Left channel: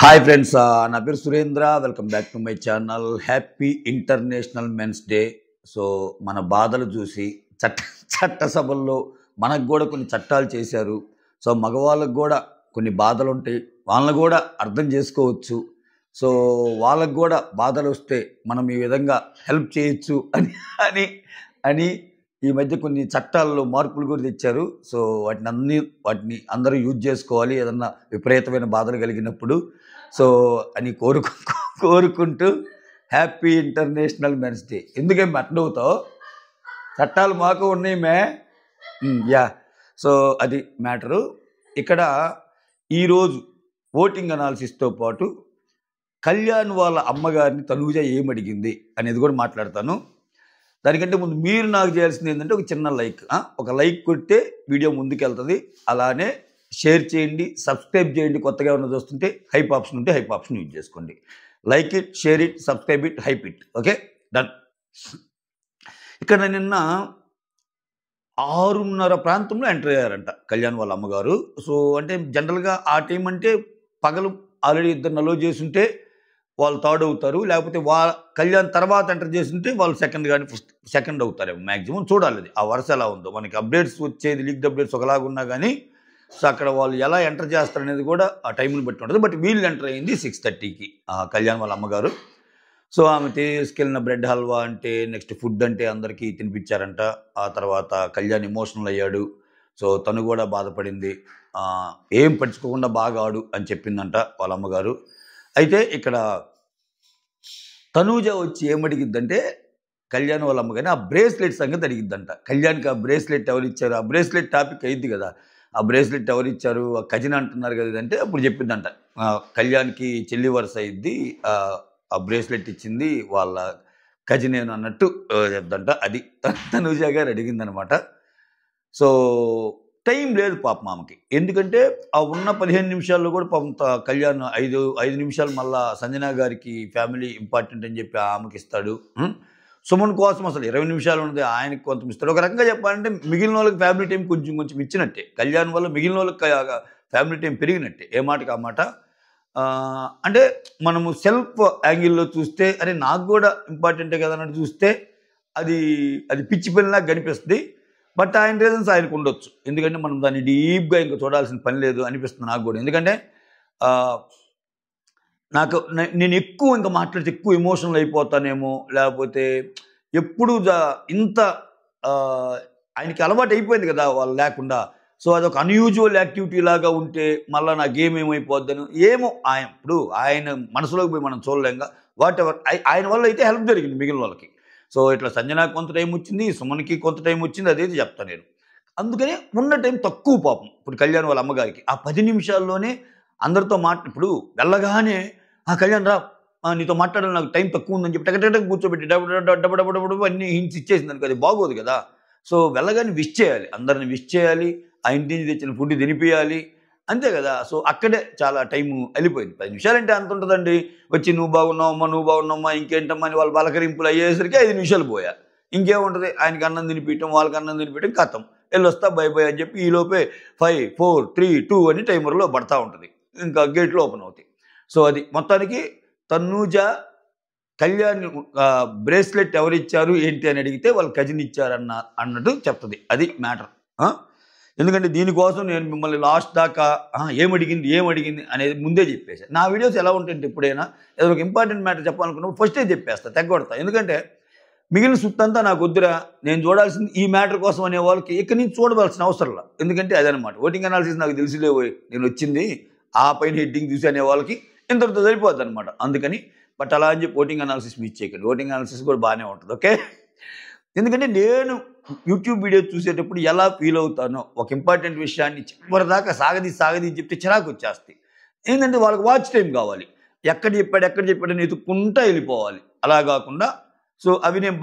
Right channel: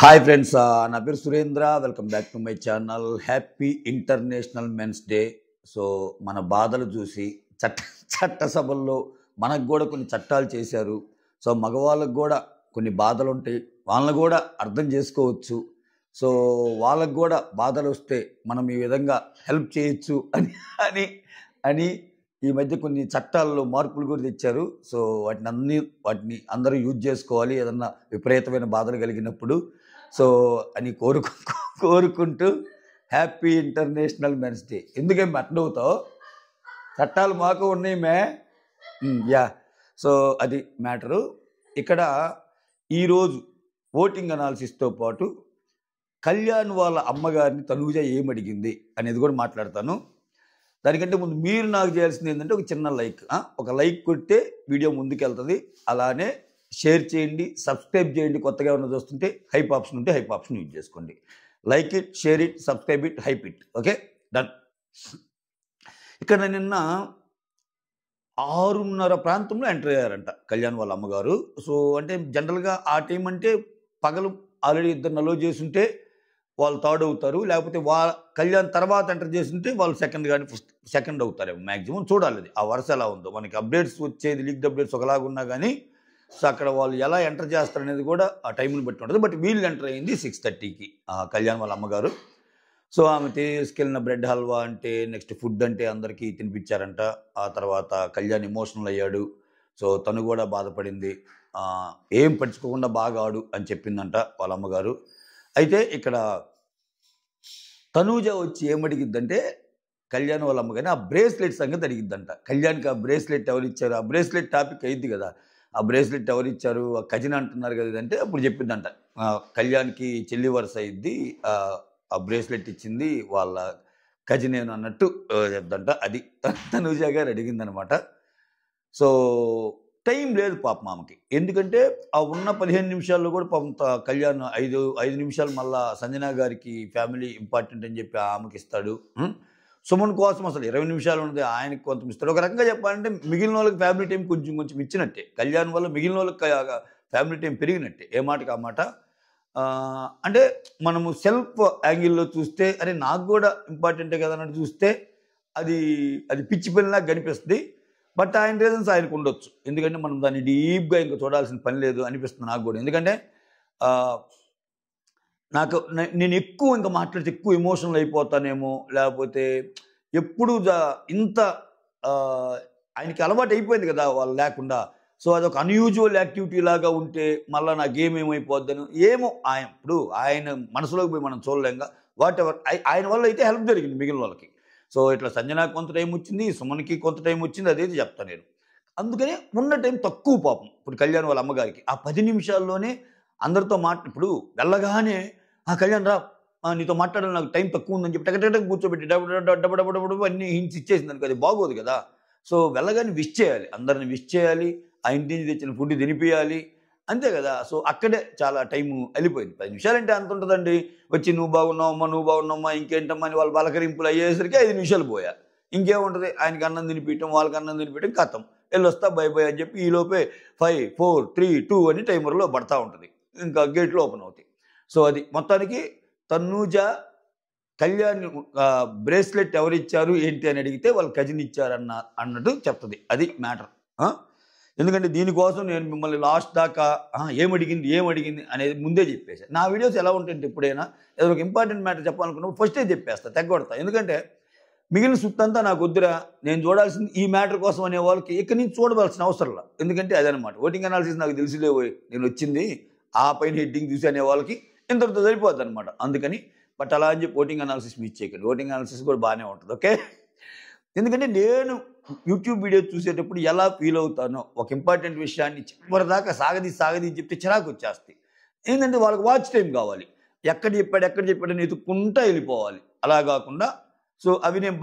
Hi friends, నా పేరు Surendra. Welcome back to my channel. Happy international men's day. So మన బాధలు చూసి చట్టసభల్లో మనకు కూడా కొన్ని చట్టాలు చేశారు. సో మగవాళ్ళకు కూడా కొన్ని బాధలు ఉంటాయి, వాళ్ళని కూడా అర్థం చేసుకోవచ్చు. సో వాళ్ళకు కూడా బాధలు వస్తే మనం ఈ విధంగా హెల్ప్ చేయొచ్చు అని అని అని ఈ మధ్య కొన్ని చట్టాల్లో మార్పులు కూడా తెచ్చారు. సో వాటిని అందరూ యూజ్ చేసుకోవాలి ఏదన్నా విపరీతమైన బాధలు కలిగినప్పుడు. సో అని కోరుకుంటూ హ్యాపీ ఇంటర్నేషనల్ మెన్స్ డే. ఎందుకేం అట్నవుతావు, చట్టాలు మాకు ఉన్నాయి మే. యా, సో అది మ్యాటరు. ఇక్కడ ఈరోజు ఓటింగ్ అనాలిసిస్తో పాటు కళ్యాణ్ వాళ్ళ అమ్మగారిని తనూజ ఏమడిగింది అనేది కూడా మాట్లాడతాను. దానికంటే ముందు మీరు నాకు చేయాల్సింది ఏంటంటే ఒక చిన్న లైక్. ఒక లైక్ కొడితే వీడియో ముందుకు వెళ్తుంది. అలానే షేర్ చేయండి, సబ్స్క్రైబ్ చేయండి. కొత్తగా ఉన్న చూస్తుంటే హైప్ ఆప్షన్ ఉంటే హైప్ ఆప్షన్ యూజ్ చేసుకోండి. Like it, share it, subscribe it, hype it. Okay, done. ఇక్కడ నిన్న 6:30 ప్రాంతంలో ఎంటర్ అయ్యారంట కళ్యాణ్ వాళ్ళ అమ్మగారు. సో అంటే జనరల్గా ఆ టైం అంటే పగలు ఆల్రెడీ ఇద్దరు నలో చేసుంటే వాళ్ళు థర్డ్ అవుతారు, లేకపోతే కళ్యాణ్ తర్వాత ఎంటర్ చేస్తుంటే వాళ్ళు సెకండ్ కానీ సెకండ్ అవుతారేమో మ్యాక్సిమం. చూడాలి అది ఆ వరుస ఎలా ఉందో. మనకి అప్డేట్స్ వచ్చేది, లీక్డ్ అప్డేట్స్ ఒకలాగా ఉన్నా కానీ సో అక్కడ వాళ్ళు ఎలా ఎంటర్ చేస్తారనేది కూడా ఆ టైంని బట్టి ఉంటుంది. బట్ వీళ్ళు ఎంటర్ అయింది 6:30కి కళ్యాణ్ వాళ్ళ అమ్మగారు. సో ఆమె తీసుకెళ్ళిన బ్రెడ్ హల్వా అంటే, నెక్స్ట్ ఫుడ్ అంటే అందరికీ తినిపించారంట. ఆ తర్వాత కళ్యాణ్ ఎమోషనల్ అయ్యాడు. సో తను కూడా బాధపడింది. ఏం పట్టించుకోకుండా బాగా ఆడు అని చెప్పిందంట వాళ్ళ అమ్మగారు. అయితే ఇక్కడ తనూజ వచ్చి ఏమడిగిద్దంటే కళ్యాణ్ వాళ్ళ అమ్మగారిని ఆ బ్రేస్లెట్ సంగతి అడిగిద్దంట. కళ్యాణ్కి ఆ బ్రేస్లెట్ ఎవరు ఇచ్చారు, ఆ బ్రేస్లెట్ టాపిక్ అయింది కదా, ఆ బ్రేస్లెట్ ఎవరు ఇచ్చారు, ఆ కజిన్ అంటున్నారు కదా అంటే అప్పుడు చెప్పిందంట కళ్యాణ్కి చెల్లి వరుస అయింది, ఆ బ్రేస్లెట్ ఇచ్చింది వాళ్ళ కజినేను అన్నట్టు చెప్దంట. అది తనూజ గారు అడిగిందనమాట. సో టైం లేదు పాపం ఆమెకి. ఎందుకంటే ఆ ఉన్న 15 నిమిషాల్లో కూడా పాపం కళ్యాణ్ 5 నిమిషాలు మళ్ళా సంజన గారికి ఫ్యామిలీ ఇంపార్టెంట్ అని చెప్పి ఆమెకి ఇస్తాడు. సుమన్ కోసం అసలు 20 నిమిషాలు ఉన్నది, ఆయనకి కొంత ఇస్తాడు. ఒక రకంగా చెప్పాలంటే మిగిలిన వాళ్ళకి ఫ్యామిలీ టైం కొంచెం ఇచ్చినట్టే. కళ్యాణ్ వల్ల మిగిలిన వాళ్ళకి ఫ్యామిలీ టైం పెరిగినట్టే. ఏ మాటకి ఆ మాట. అంటే మనము సెల్ఫ్ యాంగిల్లో చూస్తే అరే నాకు కూడా ఇంపార్టెంటే కదా అన్నట్టు చూస్తే అది పిచ్చి పిల్లలా కనిపిస్తుంది. బట్ ఆయన రీజన్స్ ఆయనకు ఉండొచ్చు. ఎందుకంటే మనం దాన్ని డీప్గా ఇంకా చూడాల్సిన పని లేదు అనిపిస్తుంది నాకు కూడా. ఎందుకంటే నేను ఎక్కువ ఇంకా మాట్లాడితే ఎక్కువ ఎమోషనల్ అయిపోతానేమో, లేకపోతే ఎప్పుడు ఇంత ఆయనకి అలవాటు అయిపోయింది కదా వాళ్ళు లేకుండా. సో అదొక అన్యూజువల్ యాక్టివిటీ లాగా ఉంటే మళ్ళీ నా గేమ్ ఏమైపోద్దని ఏమో ఇప్పుడు ఆయన మనసులోకి పోయి మనం చూడలేంగా. వాట్ ఎవర్, ఆయన వల్ల అయితే హెల్ప్ జరిగింది మిగిలిన వాళ్ళకి. సో ఇట్లా సంజనాకి కొంత టైం వచ్చింది, సుమన్కి కొంత టైం వచ్చింది, అదేది చెప్తాను నేను. అందుకనే ఉన్న టైం తక్కువ పాపం ఇప్పుడు కళ్యాణ్ వాళ్ళ అమ్మగారికి. ఆ 10 నిమిషాల్లోనే అందరితో ఇప్పుడు వెళ్ళగానే కళ్యాణ్ రా, నీతో మాట్లాడాలి, నాకు టైం తక్కువ ఉందని చెప్పి టక కూర్చోబెట్టి డబ్బు అన్ని హింట్స్ ఇచ్చేసింది అనుకో, అది బాగోదు కదా. సో వెళ్ళగానే విష్ చేయాలి, అందరిని విష్ చేయాలి, ఆ ఇంటి నుంచి తెచ్చిన ఫుడ్ తినిపించాలి, అంతే కదా. సో అక్కడే చాలా టైం వెళ్ళిపోయింది. 10 నిమిషాలు అంటే అంత ఉంటుందండి. వచ్చి నువ్వు బాగున్నావమ్మా ఇంకేంటమ్మా అని వాళ్ళు పలకరింపులు అయ్యేసరికి 5 నిమిషాలు పోయా. ఇంకేముంటుంది, ఆయనకి అన్నం తినిపించడం, వాళ్ళకి అన్నం తినిపించడం, కథం వెళ్ళొస్తా బై అని చెప్పి ఈలోపే 5, 4, 3, 2 అని టైమర్లో పడతా ఉంటుంది. ఇంకా గేట్లు ఓపెన్ అవుతాయి. సో అది మొత్తానికి తనూజ కళ్యాణ్ బ్రేస్లెట్ ఎవరిచ్చారు ఏంటి అని అడిగితే వాళ్ళు కజిన్ అన్నట్టు చెప్తుంది. అది మ్యాటర్. ఎందుకంటే దీనికోసం నేను మిమ్మల్ని లాస్ట్ దాకా ఏమడిగింది అనేది ముందే చెప్పేసాను. నా వీడియోస్ ఎలా ఉంటాయంటే ఎప్పుడైనా ఏదో ఒక ఇంపార్టెంట్ మ్యాటర్ చెప్పాలనుకున్నప్పుడు ఫస్టే చెప్పేస్తా, తెగొడతా. ఎందుకంటే మిగిలిన సుత్తంతా నాకు వద్దురా, నేను చూడాల్సింది ఈ మ్యాటర్ కోసం అనే వాళ్ళకి ఇక్కడి నుంచి చూడవలసిన అవసరం లేదు. ఎందుకంటే అదనమాట ఓటింగ్ అనాలిసిస్. నాకు తెలిసిలే నేను వచ్చింది ఆ పైన హెడ్డింగ్ చూసి అనే వాళ్ళకి ఇంతటితో సరిపోద్ది అనమాట. అందుకని బట్ అలా అని చెప్పి ఓటింగ్ అనాలిసిస్ మిస్ చేయకండి. ఓటింగ్ అనాలిసిస్ కూడా బాగానే ఉంటుంది. ఓకే, ఎందుకంటే నేను యూట్యూబ్ వీడియో చూసేటప్పుడు ఎలా ఫీల్ అవుతానో, ఒక ఇంపార్టెంట్ విషయాన్ని చివరిదాకా సాగదీ చెప్తే చిరాకు వచ్చేస్తాయి. ఏంటంటే వాళ్ళకి వాచ్ టైం కావాలి, ఎక్కడ చెప్పాడని ఎత్తుక్కుంటా వెళ్ళిపోవాలి. అలా కాకుండా సో నేను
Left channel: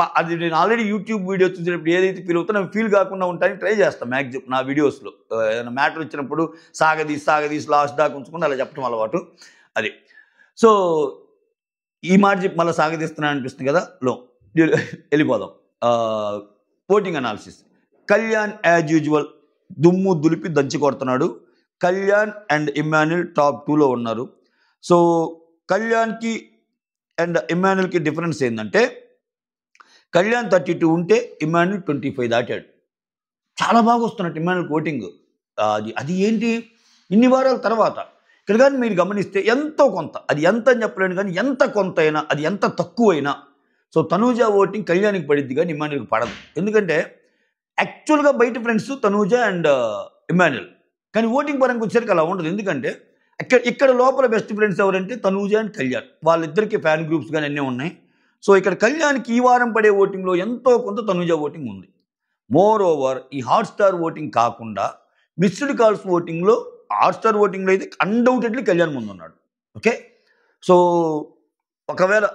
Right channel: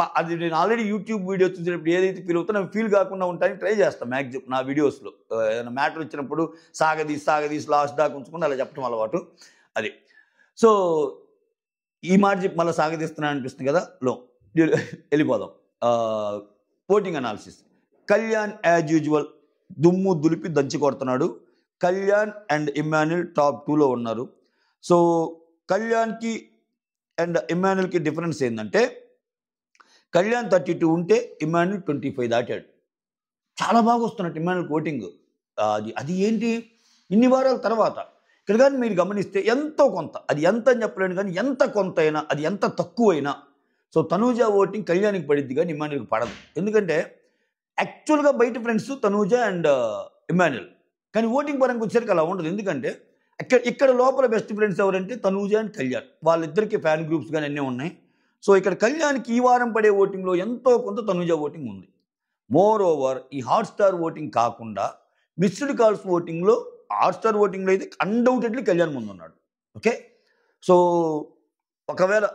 ఆల్రెడీ యూట్యూబ్ వీడియో చూసేటప్పుడు ఏదైతే ఫీల్ అవుతానో అవి ఫీల్ కాకుండా ఉంటాయని ట్రై చేస్తాను మ్యాక్సిమం నా వీడియోస్లో. ఏదైనా మ్యాటర్ వచ్చినప్పుడు సాగదీసి లాస్ట్ దాకా ఉంచుకుంటే అలా చెప్పడం అలవాటు. అది సో ఈ మాట చెప్పి మళ్ళీ సాగదీస్తున్నాను అనిపిస్తుంది కదా. వెళ్ళిపోదాం. Voting analysis. Kalyan as usual దుమ్ము దులిపి దంచి కొడుతున్నాడు. కళ్యాణ్ అండ్ ఇమ్మాన్యుల్ టాప్ 2లో ఉన్నారు. సో కళ్యాణ్కి అండ్ ఇమాన్యుల్కి డిఫరెన్స్ ఏంటంటే కళ్యాణ్ 32 ఉంటే ఇమాన్యుల్ 25 దాటాడు. చాలా బాగా వస్తున్నట్టు ఇమాన్యుల్ ఓటింగ్. అది ఏంటి ఇన్ని వారాల తర్వాత. ఇక్కడ కానీ మీరు గమనిస్తే ఎంతో కొంత, అది ఎంత అని చెప్పలేను కానీ ఎంత కొంత అయినా, అది ఎంత తక్కువైనా సో తనూజ ఓటింగ్ కళ్యాణ్కి పడిద్ది కానీ ఇమాన్యుల్కి పడదు. ఎందుకంటే యాక్చువల్గా బయట ఫ్రెండ్స్ తనూజ అండ్ ఇమాన్యుల్, కానీ ఓటింగ్ పరంగా వచ్చేసరికి అలా ఉండదు. ఎందుకంటే ఇక్కడ లోపల బెస్ట్ ఫ్రెండ్స్ ఎవరంటే తనూజ అండ్ కళ్యాణ్, వాళ్ళిద్దరికి ఫ్యాన్ గ్రూప్స్ కానీ అన్నీ ఉన్నాయి. సో ఇక్కడ కళ్యాణ్కి ఈ వారం పడే ఓటింగ్లో ఎంతో కొంత తనూజ ఓటింగ్ ఉంది. మోర్ ఓవర్ ఈ హాట్స్టార్ ఓటింగ్ కాకుండా మిస్డ్ కాల్స్ ఓటింగ్లో, హాట్స్టార్ ఓటింగ్లో అయితే అన్డౌటెడ్లీ కళ్యాణ్ ముందు ఉన్నాడు. ఓకే, సో ఒకవేళ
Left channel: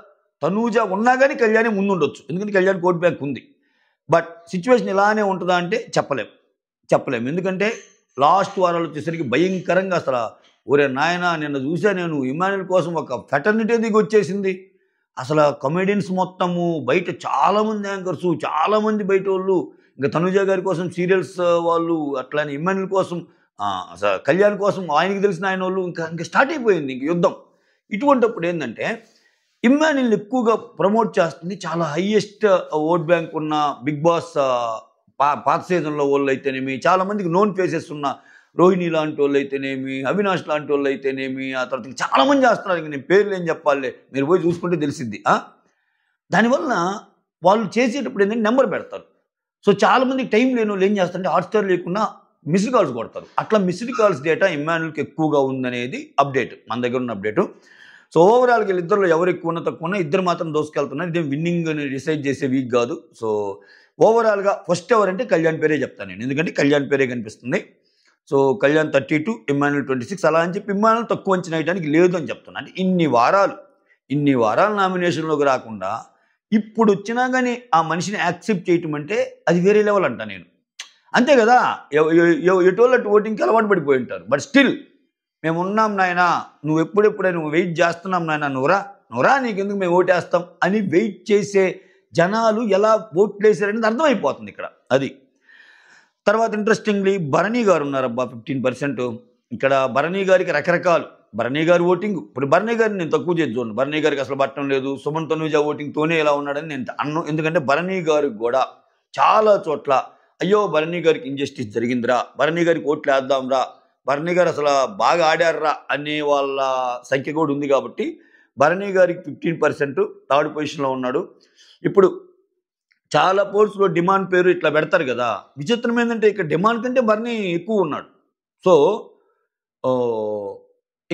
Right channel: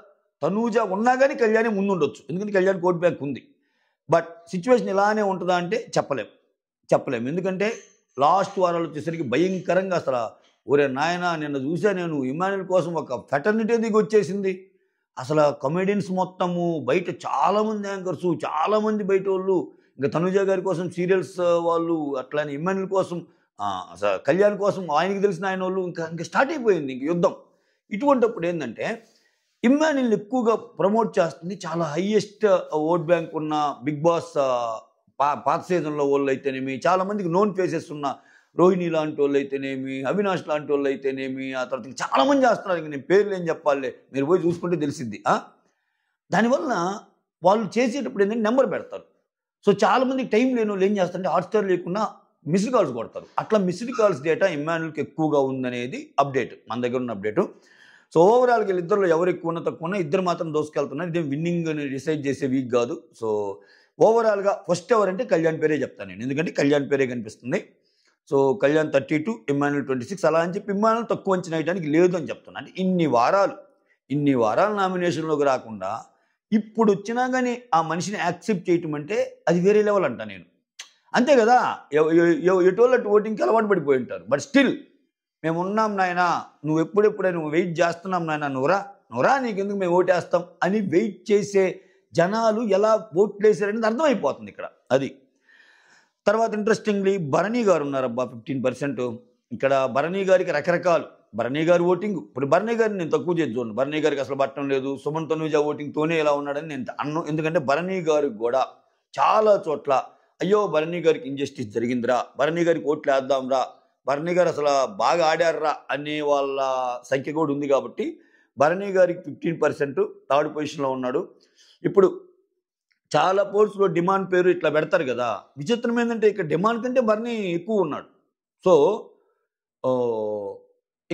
తనూజ ఉన్నా కానీ కళ్యాణే ముందు ఉండొచ్చు, ఎందుకంటే కళ్యాణ్ ఓట్ బ్యాంక్ ఉంది. బట్ సిచ్యువేషన్ ఇలానే ఉంటుందా అంటే చెప్పలేం. ఎందుకంటే లాస్ట్ వారాలు వచ్చేసరికి భయంకరంగా అసలు ఒరే నాయన నిన్న చూసా నేను ఇమాన్యుల్ కోసం ఒక ఫెటర్నిటీ దిగి వచ్చేసింది. అసలు కమెడియన్స్ మొత్తము బయట చాలామంది యాంకర్స్, చాలామంది బయట వాళ్ళు, ఇంకా తనుజ గారి కోసం సీరియల్స్ వాళ్ళు, అట్లానే ఇమాన్యుల్ కోసం కళ్యాణ్ కోసం ఆయనకి తెలిసిన ఆయన వాళ్ళు ఇంకా స్టార్ట్ అయిపోయింది ఇంక యుద్ధం. ఇటువంటిప్పుడు ఏంటంటే ఇమాన్యుల్ని ఎక్కువగా ప్రమోట్ చేస్తుంది చాలా హైయెస్ట్ ఓట్ బ్యాంక్ ఉన్న బిగ్ బాస్ పాత సీజన్లో వాళ్ళు అయితేనేమి, చాలామందికి నోన్ ఫేసెస్ ఉన్న రోహిణి లాంటి వాళ్ళు అయితేనేమి, అవినాష్ లాంటి వాళ్ళు అయితేనేమి, ఆ తర్వాత చాలామంది చేస్తున్నారు. ఇంక నేను పేర్లు ఏం చెప్పాలి, మీరు పోయి చూసుకుంటే తెలిసిద్ది. దానివల్ల వాళ్ళు చేసేటప్పుడు ఏంటంటే నెంబర్ పెడతారు. సో చాలామందికి టైం లేని వాళ్ళు ఏం చేస్తారంటే హాట్స్టార్ లేకుండా మిస్డ్ కాల్స్ కొడతారు. అట్లా మిస్డ్ కాల్స్ డేటా ఇమాన్యుల్కి ఎక్కువగా ఉందనేది అప్డేట్, మన దగ్గర ఉన్న అప్డేటు. సో ఓవరాల్గా వీళ్ళిద్దరిలో ఎవరు ఎక్కువ ఉన్నా తక్కువ ఉన్నా ఇద్దరు మాత్రం దోసుకెళ్తున్నారు. ఇదేం విన్నింగ్ అని డిసైడ్ చేసే వీక్ కాదు. సో ఓవరాల్గా ఫస్ట్ ఎవరంటే కళ్యాణ్ పేరే చెప్తాను నేను, ఎందుకంటే కళ్యాణ్ పేరే కనిపిస్తుంది. So Kalyan 32, Emmanuel 26. అలా అని చెప్పి ఇమాన్యుల్ తక్కువ అంచనా వేయడానికి లేదు అని చెప్తున్నా. అంటే ఇన్ని వారాలు నామినేషన్లోకి రాకుండా ఇప్పుడు వచ్చినా కానీ ఆ మనిషిని యాక్సెప్ట్ చేయటం అంటే అది వేరే లెవెల్ అంట నేను. అంతే కదా, ఎటువంటి ఓటింగ్కి అలవాటు పడిపోయి ఉంటారు. బట్ స్టిల్ మేము ఉన్నాం నాయన, నువ్వు ఎప్పుడెప్పుడే నువ్వు వెయిట్ చేస్తున్నాం నాయన, నువ్వురా నీకెందుకు మేము ఓటేస్తాం అని వెయిట్ చేసే జనాలు ఎలా ఓట్లు వేసారనేది అర్థమైపోతుంది ఇక్కడ. అది తర్వాత ఇంట్రెస్టింగ్లీ భరణి గారు ఉన్నారబ్బా 15%. ఇక్కడ భరణి గారికి రకరకాలు, భరణి గారి ఓటింగ్, ఇప్పుడు భరణి గారిని నేను తక్కువ చేసి చూడండి, భరణి గారికి అసలు పట్టడం లేదు. సుమన్ తనూజ ఓటింగ్తోనే ఎలా ఉన్నాడని నేను అన్ను. ఎందుకంటే భరణి గారికి కూడా చాలా చోట్ల అయ్యో భరణి గారికి ఇంజస్టిస్ జరిగిందిరా, భరణి గారికి ఓట్లు వేద్దాంరా, భరణి గారు అసలు బాగా ఆడారా అనే వాళ్ళ సంఖ్య కూడా ఉంది. కాబట్టి భరణి గారికి 15% థర్డ్ పొజిషన్లో ఉన్నాడు. ఇప్పుడు చాలా పోల్స్లో డిమాండ్ పేరు ఇట్లా పెడతారు కదా, విచిత్రం ఏంటంటే ఇక్కడ డిమాండ్ కంటే భరణి ఎక్కువ ఉన్నాడు. సో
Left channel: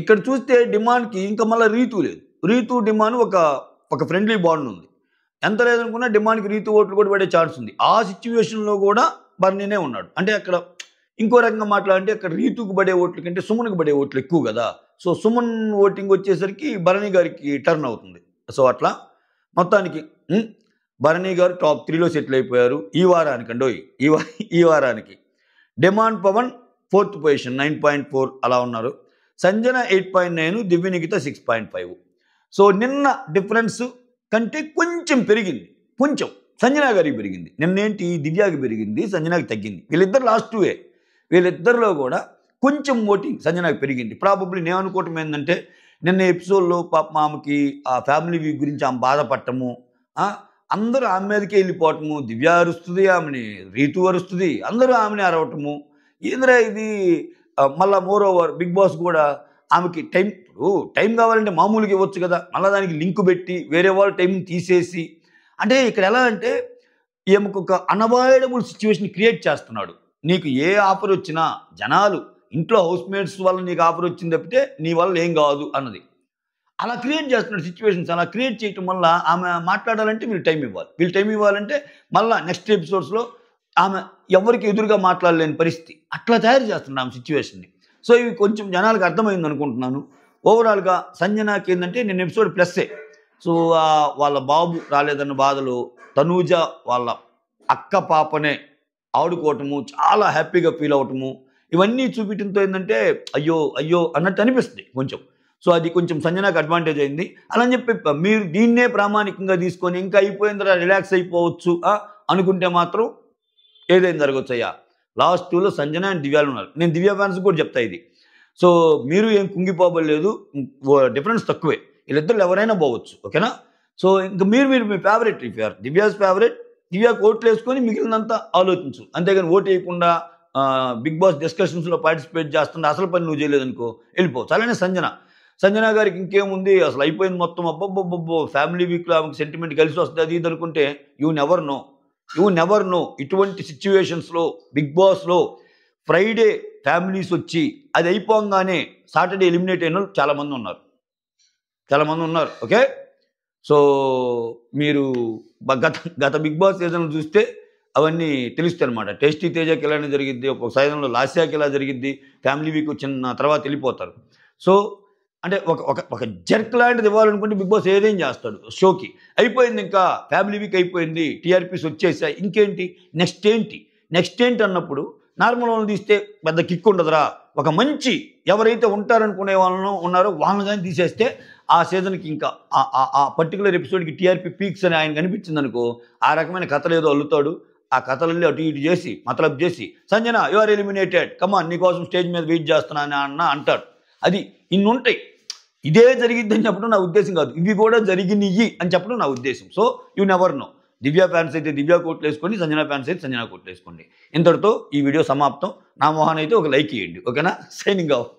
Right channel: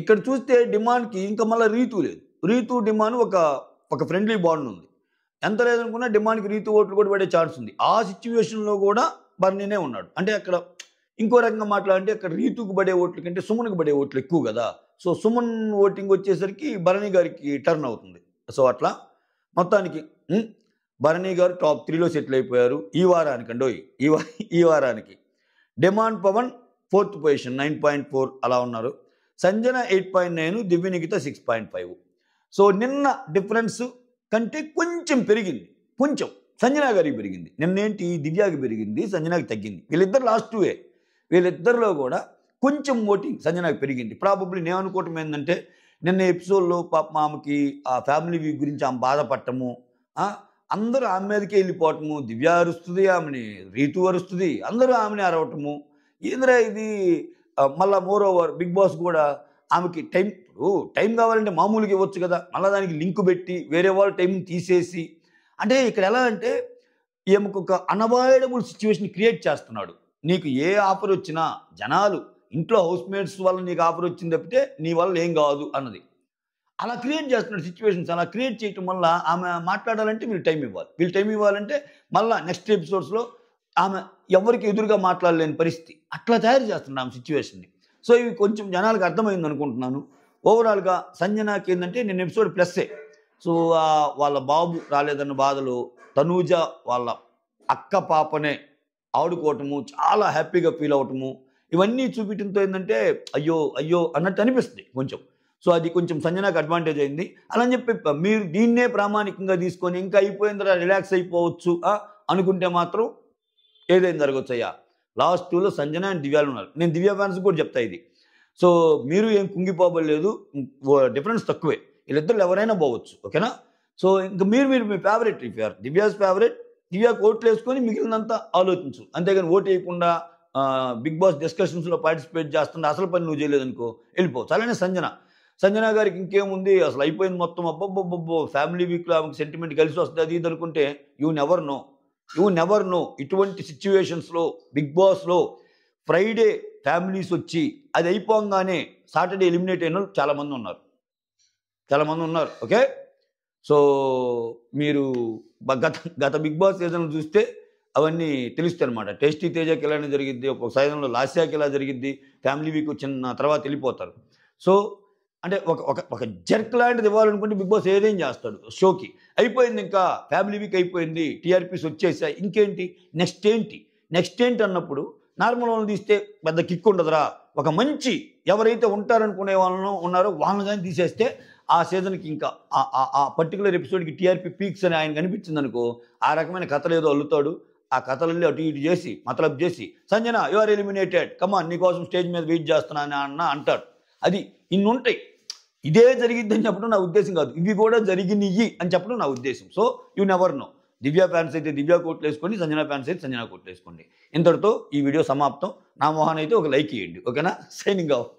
ఇక్కడ చూస్తే డిమాండ్కి ఇంకా మళ్ళీ రీతు లేదు. రీతు డిమాండ్ ఒక ఫ్రెండ్లీ బాండ్ ఉంది. ఎంత లేదనుకున్నా డిమాండ్కి రీతు ఓట్లు కూడా పడే ఛాన్స్ ఉంది. ఆ సిచ్యువేషన్లో కూడా భరణినే ఉన్నాడు. అంటే అక్కడ ఇంకో రకంగా మాట్లాడంటే అక్కడ రీతుకు పడే ఓట్ల కంటే సుమన్కి పడే ఓట్లు ఎక్కువ కదా. సో సుమన్ ఓటింగ్ వచ్చేసరికి భరణి గారికి టర్న్ అవుతుంది. సో అట్లా మొత్తానికి భరణి గారు టాప్ 3లో సెటిల్ అయిపోయారు ఈ వారానికి అండి. ఈ వారానికి డిమాండ్ పవన్ 4th పొజిషన్ 9.4 అలా ఉన్నారు. సంజన 8.9, దివ్య నిఖిత 6.5. సో నిన్న డిఫరెన్స్ కంటే కొంచెం పెరిగింది, కొంచెం సంజన గారికి పెరిగింది. నిన్నేంటి దివ్యాకి పెరిగింది, సంజనాకి తగ్గింది. వీళ్ళిద్దరు లాస్ట్ 2 వీళ్ళిద్దరిలో కూడా కొంచెం ఓటింగ్ సంజనాకి పెరిగింది. ప్రాబబ్లీ నేను అనుకోవటం ఏంటంటే నిన్న ఎపిసోడ్లో పాప ఆమెకి ఆ ఫ్యామిలీ వీక్ గురించి ఆమె బాధపడటము, అందరూ ఆమె మీదకే వెళ్ళిపోవటము, దివ్య అరుస్తుంది, ఆమెని రీతు అరుస్తుంది, అందరూ ఆమెని అరవటము, ఏంద్రా ఇది. మళ్ళీ మోర్ ఓవర్ బిగ్ బాస్ కూడా ఆమెకి టైం కావాలంటే మామూలుగా ఇవ్వచ్చు కదా, మళ్ళీ దానికి లింక్ పెట్టి వేరే వాళ్ళ టైం తీసేసి, అంటే ఇక్కడ ఎలా అంటే ఈమెకు ఒక అన్అవాయిడబుల్ సిచ్యువేషన్ క్రియేట్ చేస్తున్నాడు. నీకు ఏ ఆఫర్ వచ్చినా జనాలు ఇంట్లో హౌస్ మేట్స్ వల్ల నీకు ఆఫర్ వచ్చింది తప్పితే నీ వల్ల ఏం కాదు అన్నది అలా క్రియేట్ చేస్తున్నాడు సిచ్యువేషన్స్. అలా క్రియేట్ చేయటం వల్ల ఆమె మాట్లాడాలంటే వీళ్ళు టైం ఇవ్వాలంటే మళ్ళీ నెక్స్ట్ ఎపిసోడ్స్లో ఆమె ఎవరికి ఎదురుగా మాట్లాడలేని పరిస్థితి, అట్లా తయారు చేస్తున్నాడు ఆమె సిచ్యువేషన్ని. సో ఇవి కొంచెం జనాలకు అర్థమైంది అనుకుంటున్నాను. ఓవరాల్గా సంజనాకి ఏంటంటే నేను ఎపిసోడ్ ప్లస్సే. సో వాళ్ళ బాబు రాలేదన్న బాధలు, తనూజ వాళ్ళ అక్క పాపనే ఆడుకోవటము, చాలా హ్యాపీగా ఫీల్ అవటము, ఇవన్నీ చూపించడంతో ఏంటంటే అయ్యో అన్నట్టు అనిపిస్తుంది కొంచెం. సో అది కొంచెం సంజనాకి అడ్వాంటేజ్ అయింది. అలా అని చెప్పి మీరు దీన్నే ప్రామాణికంగా తీసుకొని ఇంకా అయిపోయిందిరా రిలాక్స్ అయిపోవచ్చు అనుకుంటే మాత్రం ఏదైనా జరగవచ్చు అయ్యా. లాస్ట్ 2లో సంజన అండ్ దివ్యాలు ఉన్నారు. నేను దివ్య ఫ్యాన్స్ కూడా చెప్తా, ఇది సో మీరు ఏం కుంగిపోబడలేదు, డిఫరెన్స్ తక్కువే, వీళ్ళిద్దరు ఎవరైనా పోవచ్చు. ఓకేనా? సో ఇంకా మీరు మీ favourite, if you're Divya's favourite, దివ్యాకి ఓట్లు వేసుకొని మిగిలినంతా ఆలోచించు. అంతేగాని ఓటు వేయకుండా బిగ్ బాస్ డిస్కషన్స్లో పార్టిసిపేట్ చేస్తుంటే అసలు పని నువ్వు చేయలేదనుకో వెళ్ళిపోవచ్చు. అలానే సంజన గారికి ఇంకేముంది, అసలు అయిపోయింది మొత్తం, అబ్బబ్బబ్బో ఫ్యామిలీ వీక్లో ఆమెకు సెంటిమెంట్ కలిసి వస్తుంది అది ఇది అనుకుంటే యూ నెవర్ నో. ఇటువంటి సిచ్యువేషన్స్లో బిగ్ బాస్లో ఫ్రైడే ఫ్యామిలీస్ వచ్చి అది అయిపోగానే సాటర్డే ఎలిమినేట్ అయిన వాళ్ళు చాలామంది ఉన్నారు. ఓకే? సో మీరు గత బిగ్ బాస్ సీజన్ చూస్తే అవన్నీ తెలుస్తాయి అనమాట. టేస్టీ తేజకి ఎలానే జరిగిద్ది, ఒక సీజన్లో లాస్యాకి ఎలా జరిగిద్ది, ఫ్యామిలీ వీక్ వచ్చిన తర్వాత వెళ్ళిపోతారు. సో అంటే ఒక జర్క్ లాంటిది ఇవ్వాలనుకుంటే బిగ్ బాస్ ఏదేం చేస్తాడు షోకి. అయిపోయింది, ఇంకా ఫ్యామిలీ వీక్ అయిపోయింది, టీఆర్పీస్ వచ్చేసాయి, ఇంకేంటి నెక్స్ట్ ఏంటి అన్నప్పుడు నార్మల్ వాళ్ళని తీస్తే పెద్ద కిక్ ఉండదురా. ఒక మంచి ఎవరైతే ఉంటారనుకునే వాళ్ళను ఉన్నారో వాళ్ళని కానీ తీసేస్తే ఆ సీజన్కి ఇంకా ఆ పర్టికులర్ ఎపిసోడ్కి టీఆర్పీ పీక్స్ అని ఆయన కనిపించింది అనుకో, ఆ రకమైన కథలు ఏదో అల్లుతాడు. ఆ కథలన్నీ అటు ఇటు చేసి మతలబ్ చేసి సంజన యు ఆర్ ఎలిమినేటెడ్, కమాన్ నీకోసం స్టేజ్ మీద వెయిట్ చేస్తున్నాను అన్న అంటాడు. అది ఇన్ని ఉంటాయి. ఇదే జరిగిద్దని చెప్పడం నా ఉద్దేశం కాదు, ఇవి కూడా జరిగినాయి అని చెప్పడం నా ఉద్దేశం. So you never know. Divya fans అయితే దివ్య కోట్లు వేసుకోండి, సంజన ఫ్యాన్స్ అయితే సంజన కోట్లు వేసుకోండి. ఇంతటితో ఈ వీడియో సమాప్తం. నా మొహాన్ అయితే ఒక లైక్ ఇవ్వండి. ఓకేనా? Signing off.